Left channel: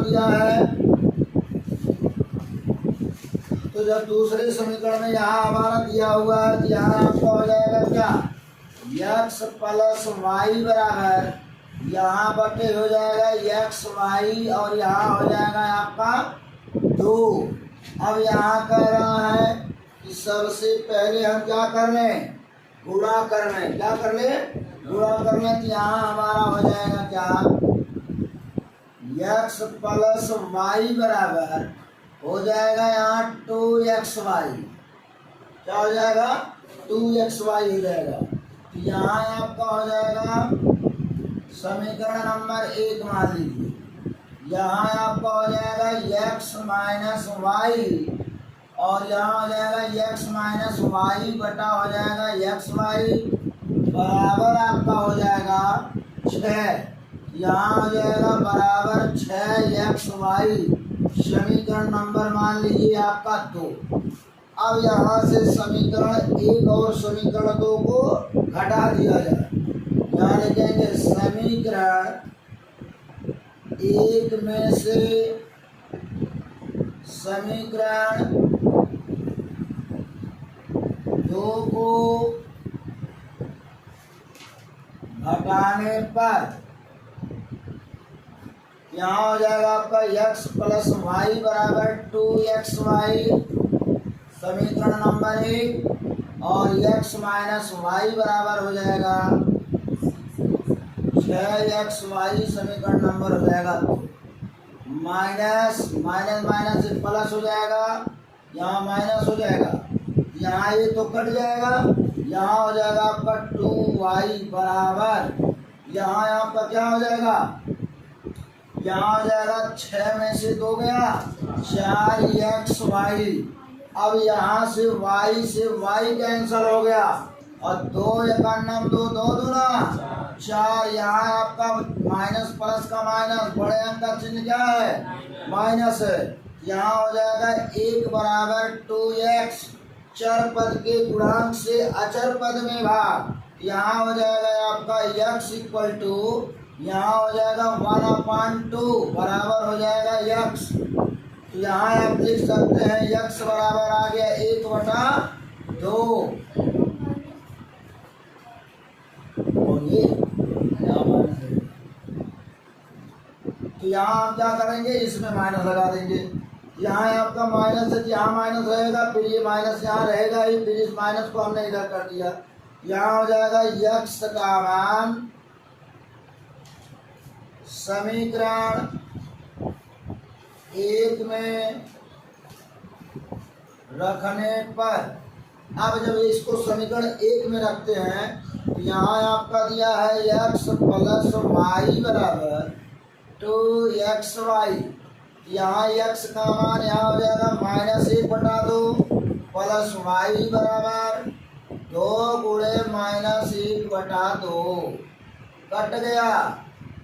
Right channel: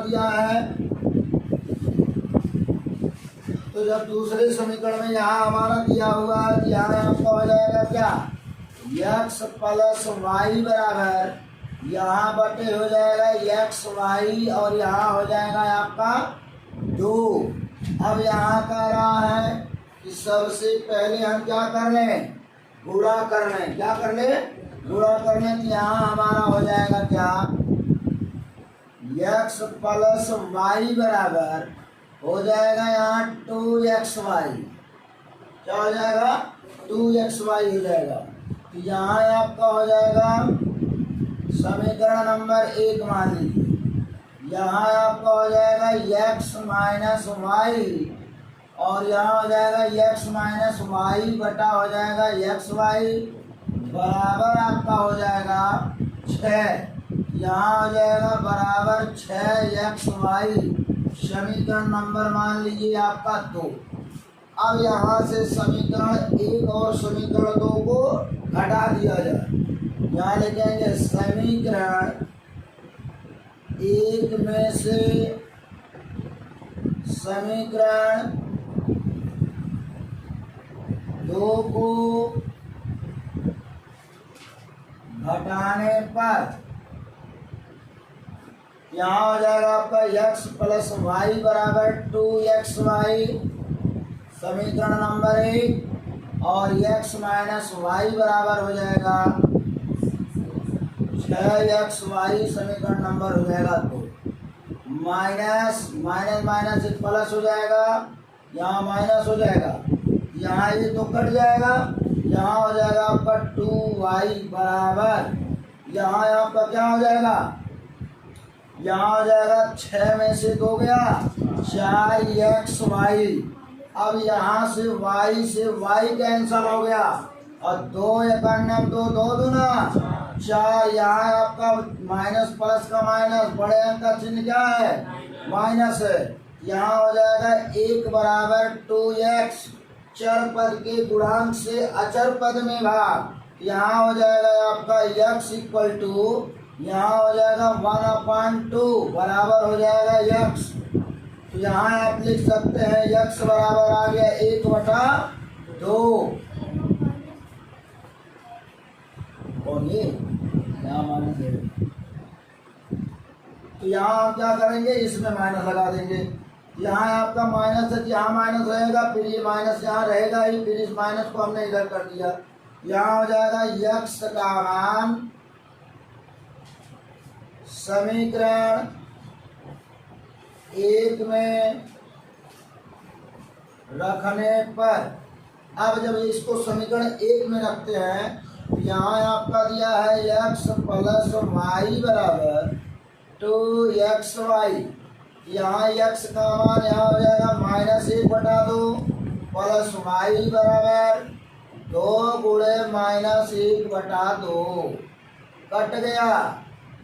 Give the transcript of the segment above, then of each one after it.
समीकरण दिया है, तो जब दूसरे समीकरण में यहाँ हमारा दिया हुआ है, यहाँ आपका हो जाएगा क्या, x प्लस वाई बराबर, यहाँ बटे हो जाएगा एक्स वाई और यहाँ हो जाएगा आपका 2। अब यहाँ कह रहा है कि सबसे पहले हम क्या कर रहे हैं, गुणा कर रहे हैं। क्या कर ले, गुणा कर ले। तो यहाँ हमारा हो जाएगा क्या, एक्स प्लस वाई बराबर हो जाएगा यहाँ 2xy। क्या हो जाएगा, 2xy हो जाएगा। तो यहाँ आपका हो जाएगा समीकरण नंबर 1 मान लीजिए। यहाँ आपका हो जाएगा x माइनस वाई और यहाँ हो जाएगा x माइनस वाई बटा हो जाएगा xy बराबर आपका हो जाएगा 6। यहाँ हो जाएगा बराबर 6xy। समीकरण नंबर मान लीजिए आपका 2। अब यहाँ से समीकरण 1 और समीकरण 2 को घटा दिया जाए। यहाँ लिखेंगे समीकरण 1 में से समीकरण 2 को घटाने पर यहाँ हो जाएगा आपका x प्लस वाई बराबर 2xy समीकरण नंबर 1 और x माइनस वाई बराबर हो जाएगा 6xy समीकरण नंबर हो जाएगा 2। माइनस माइनस माइनस प्लस हो जाएगा, यहाँ माइनस हो जाएगा, यहाँ ये तो कट जाएगा। यहाँ हो जाएगा आपका 2y बराबर, यहाँ आपका क्या हो जाएगा, यहाँ हो जाएगा 6 में से 2 गया 4xy। अब यहाँ से y कैंसल हो गया और 2 एकान्नव 2 2 दूना 4। यहाँ आपका माइनस प्लस का माइनस, बड़े अंक का चिन्ह क्या है, माइनस है। यहाँ हो जाएगा 1 बराबर 2x, चर पद के गुणांक से अचर पद में भाग। यहाँ हो जाएगा आपका x इक्वल टू, यहाँ हो जाएगा 1/2 बराबर हो जाएगा x। तो यहाँ आप लिख सकते हैं x बराबर आ गया 1/2। तो यहाँ आप क्या करेंगे, इसमें माइनस लगा देंगे। यहाँ आपका माइनस है, यहाँ माइनस रहेगा, फिर ये माइनस यहाँ रहेगा ही, फिर इस माइनस को हमने इधर कर दिया। यहाँ हो जाएगा x का मान समीकरण 1 में रखने पर, अब जब इसको समीकरण 1 में रखते हैं तो यहाँ आपका दिया है x प्लस वाई बराबर 2xy। यहाँ x का मान यहाँ हो जाएगा -1/2 प्लस वाई बराबर 2 गुणे -1/2 कट गया।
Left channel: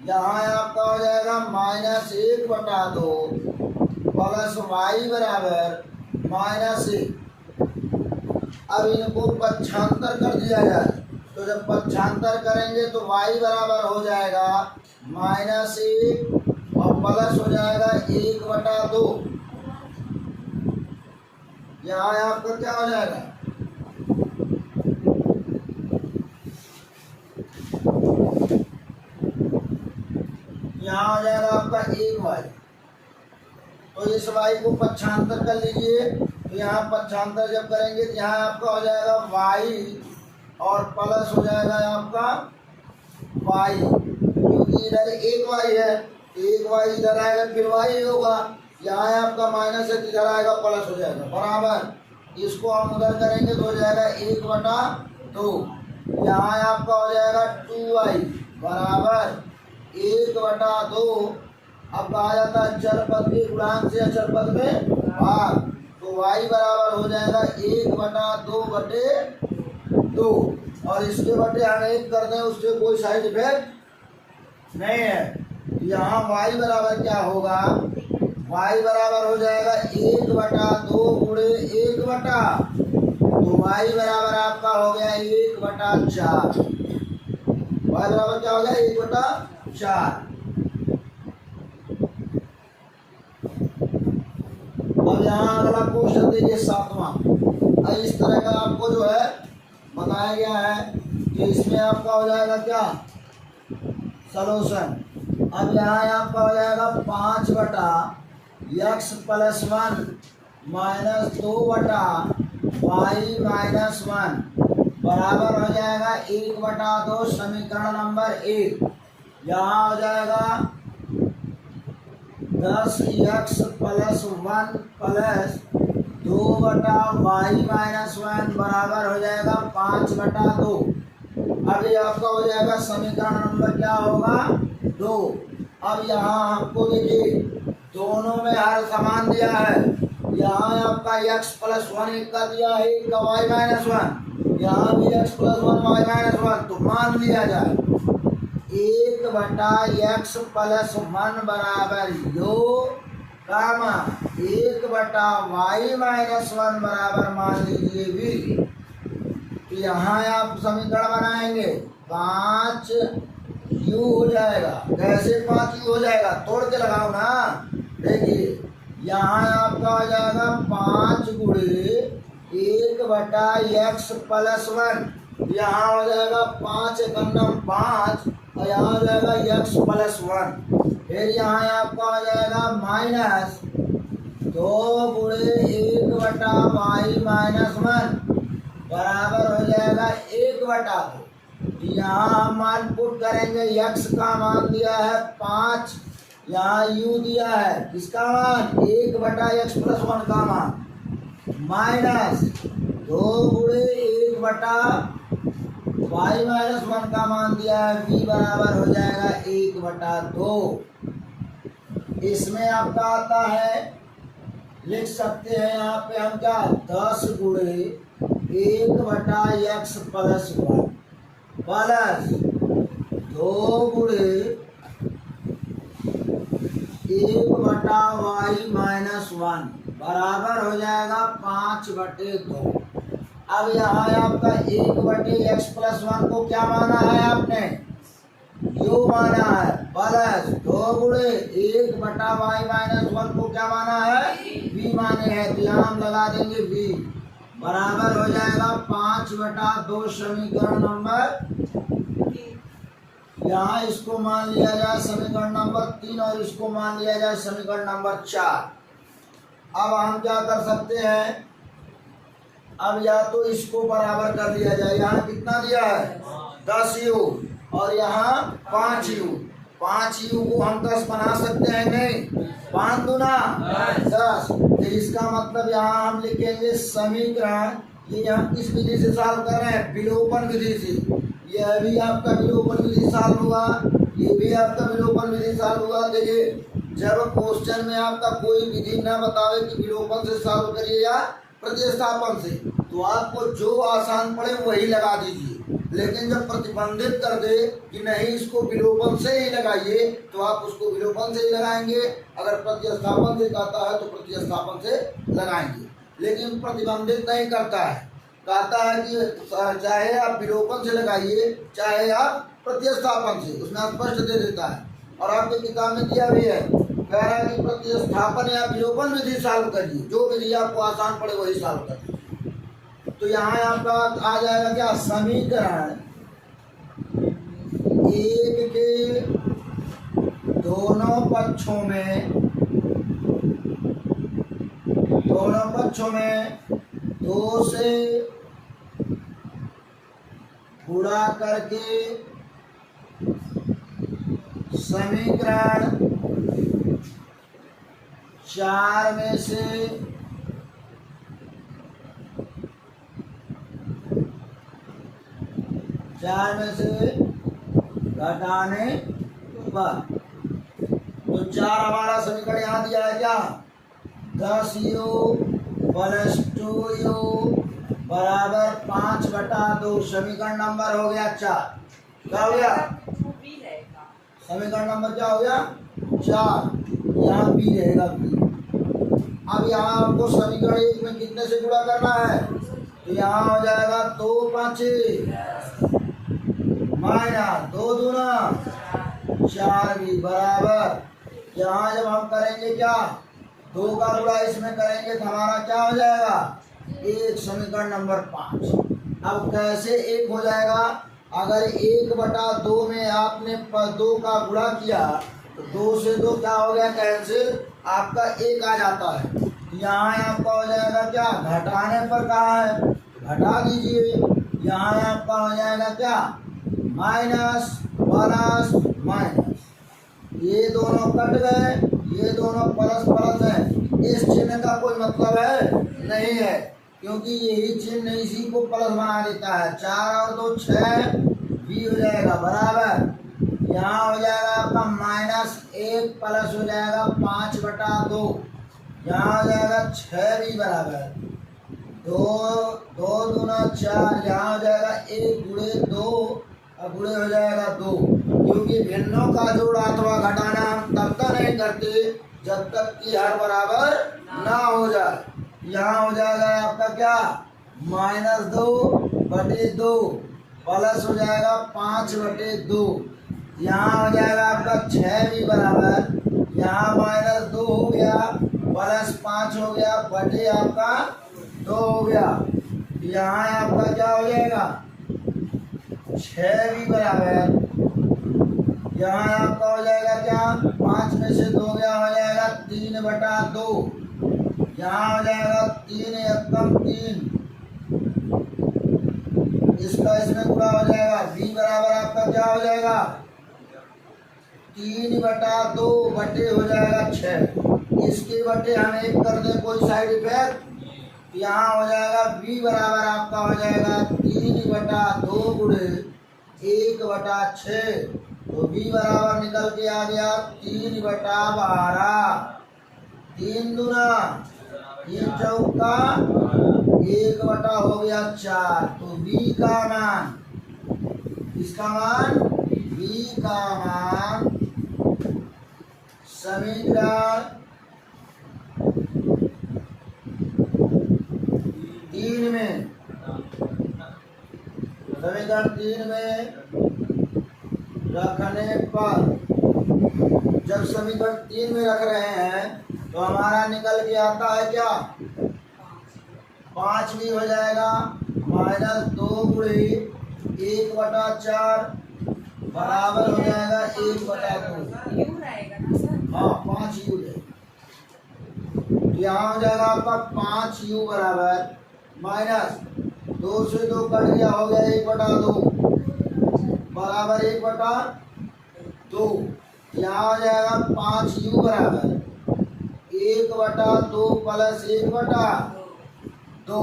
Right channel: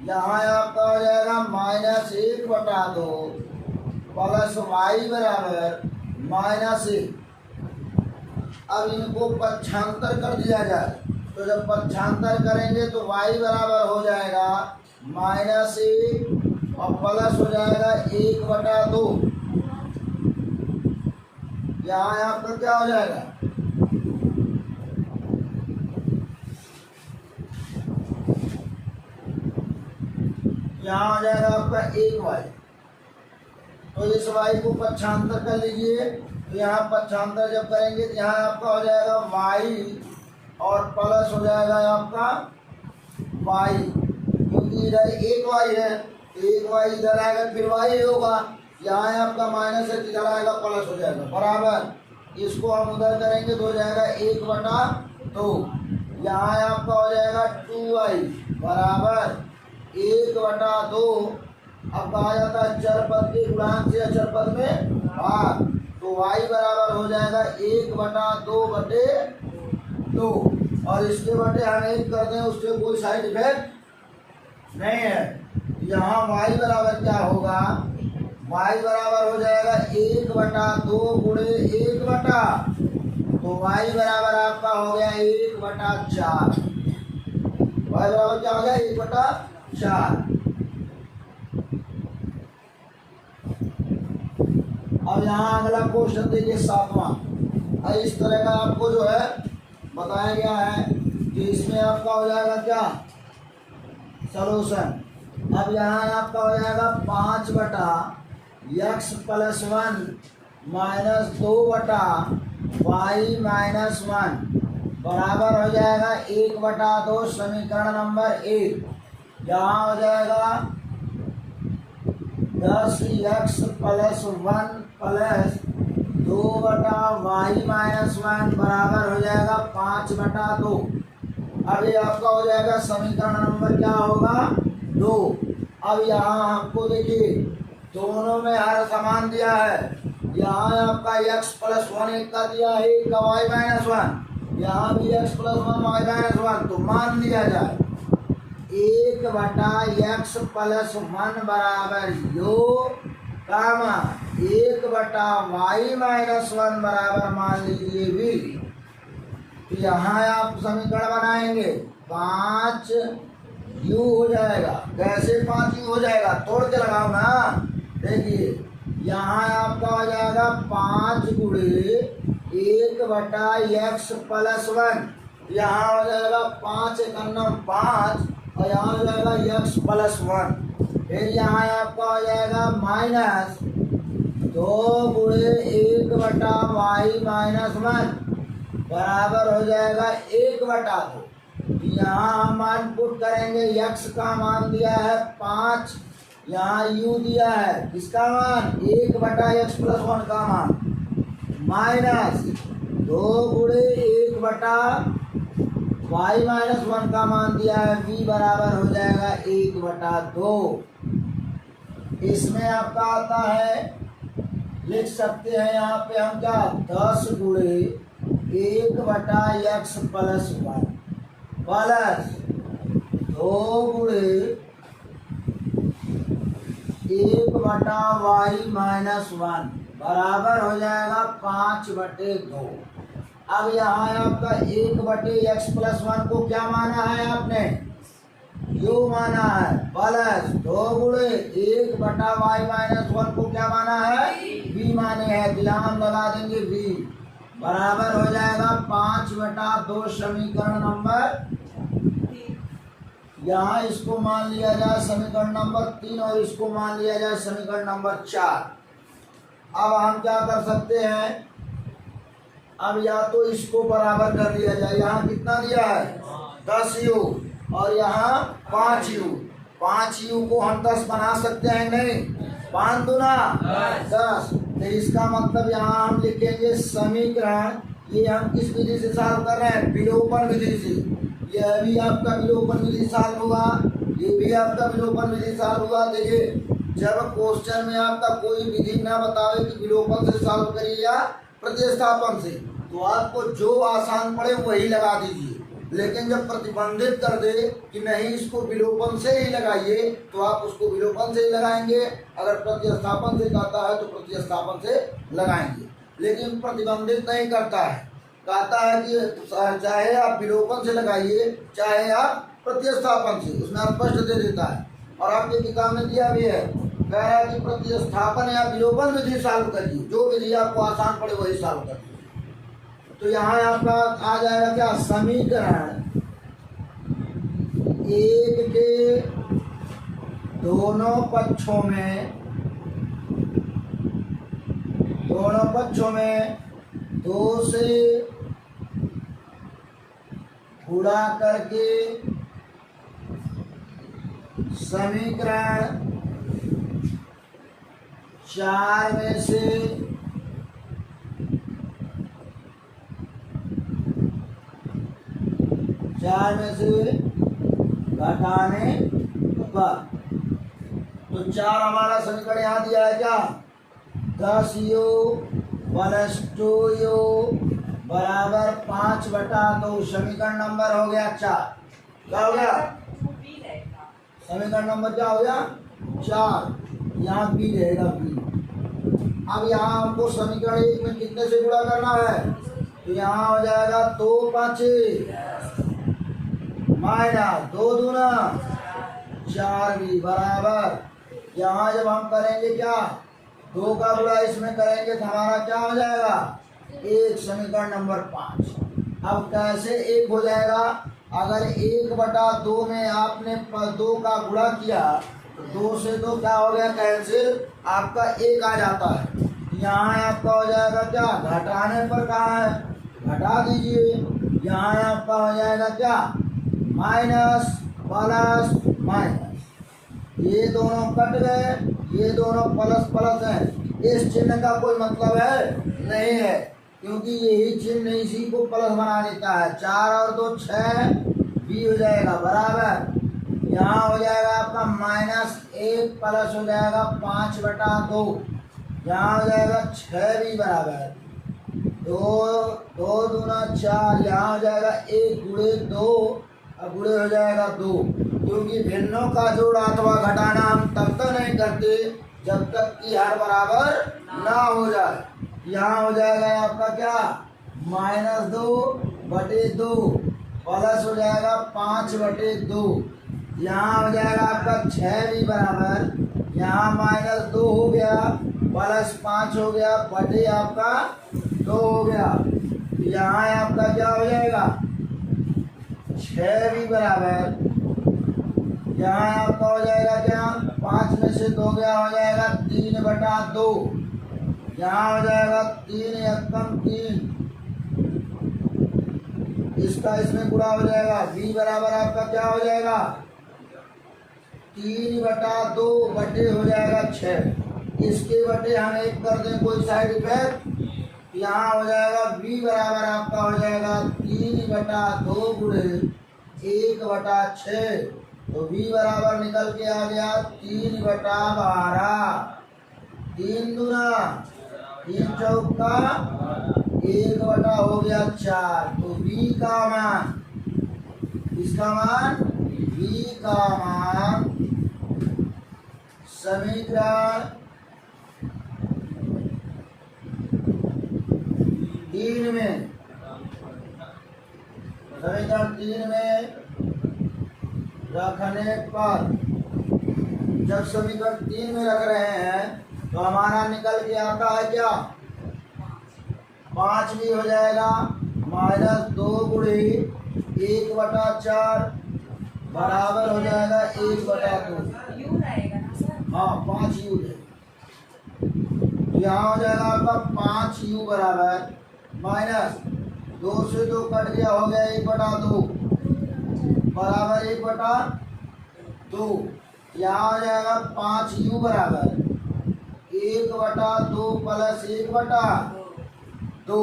यहाँ आपका हो जाएगा -1/2 प्लस वाई बराबर -1। अब इनको पक्षांतर कर दिया जाए, तो जब पक्षांतर करेंगे तो y बराबर हो जाएगा -1 और प्लस हो जाएगा 1/2। यहाँ आपका क्या हो जाएगा, यहाँ हो जाएगा आपका 1y। तो इस y को पक्षांतर कर लीजिए। तो यहाँ पक्षांतर जब करेंगे तो यहाँ आपका हो जाएगा y और प्लस हो जाएगा आपका y, क्योंकि इधर 1y है, 1y इधर आएगा फिर y होगा। यहाँ आपका माइनस है, इधर आएगा प्लस हो जाएगा बराबर। इसको हम उधर करेंगे तो हो जाएगा 1/2। यहाँ आपका हो जाएगा 2y बराबर 1/2। अब कहा जाता है चर पद के गुणांक से अचर पद में भाग, तो y बराबर हो जाएगा 1/2/2। और इसके बटे हम 1 कर दें, उससे कोई साइड इफेक्ट नहीं है। यहाँ y बराबर क्या होगा, y बराबर हो जाएगा 1/2 गुणे 1/, तो y बराबर आपका हो गया 1/4। y बराबर क्या हो गया 1/4। अब यहाँ अगला क्वेश्चन देखिए 7वां। इस तरह का आपको जो है बताया गया है कि इसमें आपका हो जाएगा क्या सॉल्यूशन। अब यहाँ आपका हो जाएगा 5/x+1 -2/y-1 बराबर हो जाएगा 1/2 समीकरण नंबर 1। यहाँ हो जाएगा 10x+1 +2/y-1 बराबर हो जाएगा 5/2। अब ये आपका हो जाएगा समीकरण नंबर क्या होगा 2। अब यहाँ आपको देखिए दोनों में हर समान दिया है। यहाँ आपका x+1 एक का दिया है, एक का y-1, यहाँ भी x+1 y-1। तो मान लिया जाए 1/x+1 बराबर यो कामा 1/y-1 बराबर मान लीजिए भी। तो यहाँ आप समीकरण बनाएंगे 5u हो जाएगा। कैसे 5u हो जाएगा, तोड़ के लगाओ ना। देखिए यहाँ आपका हो जाएगा 5 × 1/x+1। यहाँ हो जाएगा 5 × 5 और यहाँ हो जाएगा x+1। फिर यहाँ आपका हो जाएगा -2 × 1/y-1 बराबर हो जाएगा 1/2। यहाँ हम मान पुट करेंगे, x का मान दिया है 5, यहाँ u दिया है किसका मान 1/x+1 का मान, -2 × 1/y-1 का मान दिया है v बराबर हो जाएगा 1/2। इसमें आपका आता है, लिख सकते हैं यहाँ पे हम क्या 10 × 1/x+1 प्लस 2 × 1/y-1 बराबर हो जाएगा 5/2। अब यहाँ आपका 1/x+1 को क्या माना है आपने, यो माना है, प्लस 2 × 1/y-1 को क्या माना है, v माने हैं। तो यहाँ हम लगा देंगे v बराबर हो जाएगा 5/2 समीकरण नंबर। यहाँ इसको मान लिया जाए समीकरण नंबर 3 और इसको मान लिया जाए समीकरण नंबर 4। अब हम क्या कर सकते हैं, अब या तो इसको बराबर कर दिया जाए। यहाँ कितना दिया है 10u और यहाँ 5u। 5u को हम 10 बना सकते हैं, नहीं 5 दूना 10। तो इसका मतलब यहाँ हम लिखेंगे समीकरण, ये हम किस विधि से सॉल्व कर रहे हैं, विलोपन विधि से। यह भी आपका विलोपन विधि सॉल्व होगा, ये भी आपका विलोपन विधि सॉल्व होगा। देखिए जब क्वेश्चन में आपका कोई विधि न बतावे कि विलोपन से सॉल्व करिए या प्रतिस्थापन से, तो आपको जो आसान पड़े वही लगा दीजिए। लेकिन जब प्रतिबंधित कर दे कि नहीं इसको विलोपन से ही लगाइए, तो आप उसको विलोपन से ही लगाएंगे। अगर प्रतिस्थापन से कहता है तो प्रतिस्थापन से लगाएंगे। लेकिन प्रतिबंधित नहीं करता है, कहता है कि चाहे आप विलोपन से लगाइए चाहे आप प्रतिस्थापन से, उसमें स्पष्ट दे देता है। और आपके किताब में दिया भी है, कह रहा है कि प्रतिस्थापन या विलोपन विधि सॉल्व करिए, जो विधि आपको आसान पड़े वही सॉल्व करिए। तो यहाँ आपका आ जाएगा क्या समीकरण 1 के दोनों पक्षों में 2 से गुणा करके समीकरण 4 में से घटाने पर। तो 4 हमारा समीकरण यहाँ दिया है क्या 10u + 2u बराबर 5/2। समीकरण नंबर हो गया 4। क्या हो गया समीकरण नंबर, क्या हो गया 4। यहाँ b रहेगा b। अब यहाँ आपको समीकरण 1 में कितने से गुणा करना है, तो यहाँ हो जाएगा 2 × 5 -2 दूना 4b बराबर। यहाँ जब हम करेंगे क्या 2 का गुणा इसमें करेंगे तो हमारा क्या हो जाएगा 1, समीकरण नंबर 5। अब कैसे 1 हो जाएगा, अगर 1/2 में आपने 2 का गुणा किया तो 2 से 2 क्या हो गया कैंसिल, आपका 1 आ जाता है। यहाँ आपका हो जाएगा क्या, घटाने पर कहाँ है घटा दीजिए, यहाँ आपका हो जाएगा क्या माइनस प्लस माइनस, ये दोनों कट गए, ये दोनों प्लस प्लस हैं, इस चिन्ह का कोई मतलब है नहीं है, क्योंकि यही चिन्ह इसी को प्लस बना देता है। 4 और 2 6 भी हो जाएगा बराबर, यहाँ हो जाएगा आपका -1 प्लस हो जाएगा 5/2, यहाँ हो जाएगा 6 भी बराबर 2, 2 दूना 4, यहाँ हो जाएगा 1 गुणे 2 और गुणे हो जाएगा 2, क्योंकि भिन्नों का जोड़ अथवा घटाना हम तब तक नहीं करते जब तक कि हर बराबर ना हो जाए। यहाँ हो जाएगा आपका क्या -2/2 प्लस हो जाएगा 5/2, यहाँ हो जाएगा आपका 6 भी बराबर, यहाँ -2 हो गया प्लस 5 हो गया बटे आपका 2 हो गया, यहाँ आपका क्या हो जाएगा 6 भी बराबर, यहाँ आपका हो जाएगा क्या 5 में से 2 गया हो जाएगा 3/2, यहाँ हो जाएगा 3 एकम 3, इसका इसमें गुणा हो जाएगा, b बराबर आपका क्या हो जाएगा 3/2 बटे हो जाएगा 6, इसके बटे हम 1 कर दें कोई साइड इफेक्ट, यहाँ हो जाएगा b बराबर आपका हो जाएगा 3/2 गुणे 1/6, तो b बराबर निकल के आ गया 3/12, 3 दूना 3 चौका 1 हो गया 4, तो b का मान, इसका मान b का मान समीकरण 3 में, समीकरण 3 में रखने पर, जब समीकरण 3 में रख रहे हैं तो हमारा निकल के आता है क्या 5 भी हो जाएगा -2 गुणे 1/4 बराबर हो जाएगा 1/2, हाँ 5u है, यहाँ हो जाएगा आपका 5u बराबर -2 से 2 कट गया हो गया 1/2 बराबर 1/2, यहाँ हो जाएगा 5u बराबर 1/2 प्लस 1/2,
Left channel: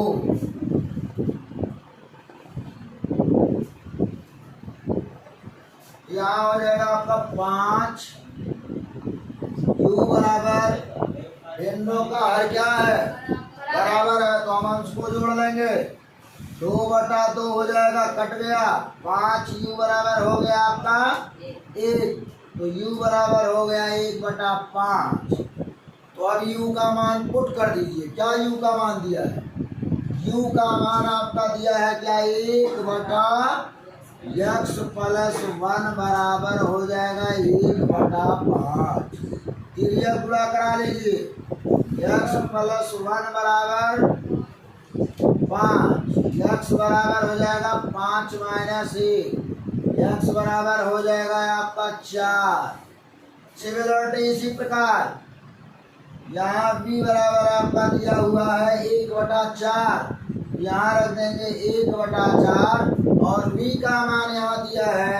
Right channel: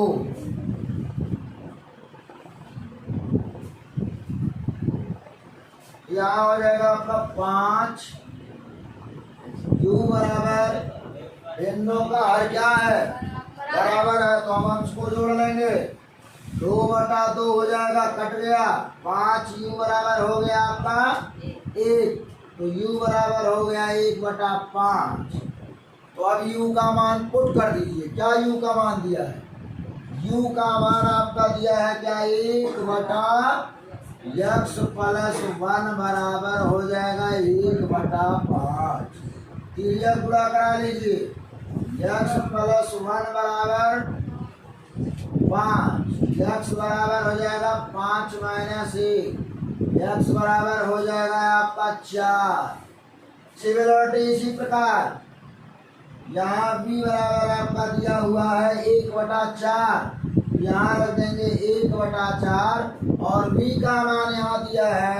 यहाँ हो जाएगा आपका 5u बराबर, भिन्नों का हर क्या है बराबर है, तो हम अंश को जोड़ लेंगे, 2/2 हो जाएगा कट गया, 5u बराबर हो गया आपका 1, तो u बराबर हो गया 1/5, तो अब u का मान पुट कर दीजिए, क्या u का मान दिया है, u का मान आपका दिया है क्या 1/x प्लस 1 बराबर हो जाएगा 1/5, तिर्यक गुणा करा लीजिए, x प्लस 1 बराबर 5, x बराबर हो जाएगा 5 - 1, x बराबर हो जाएगा आपका 4। सिमिलरिटी इसी प्रकार यहाँ b बराबर आपका दिया हुआ है 1/4, यहाँ रख देंगे 1/4, और b का मान यहाँ दिया है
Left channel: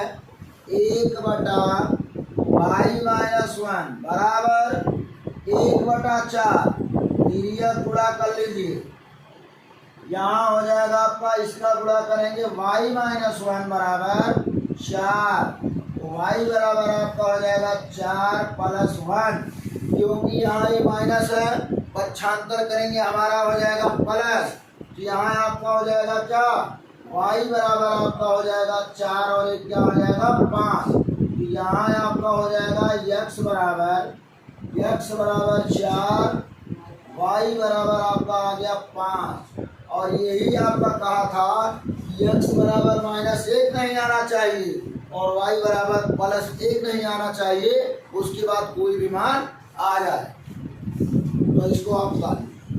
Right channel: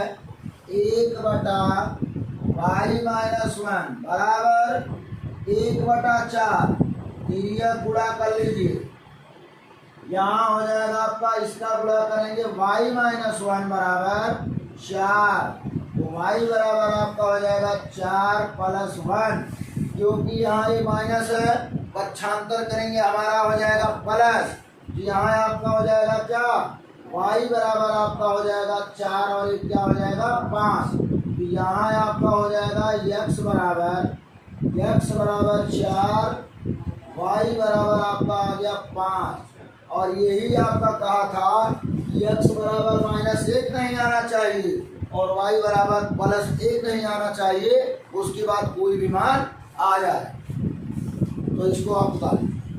1/y -1 बराबर 1/4, तिर्यक गुणा कर लीजिए, यहाँ हो जाएगा आपका, इसका गुणा करेंगे y -1 बराबर 4, तो y बराबर आपका हो जाएगा 4 + 1, क्योंकि यहाँ ये माइनस है, पक्षांतर करेंगे हमारा हो जाएगा प्लस, तो यहाँ आपका हो जाएगा क्या y बराबर आपका हो जाएगा 4 और 1 क्या हो जाएगा 5, तो यहाँ आपका हो जाएगा x बराबर 4, y बराबर आपका आ गया 5, और यही आपका कहा था कि x बराबर -1 नहीं आना चाहिए और y बराबर +1 नहीं आना चाहिए, उसके बाद कोई भी मान आ जाए। तो इसको आप बता दें।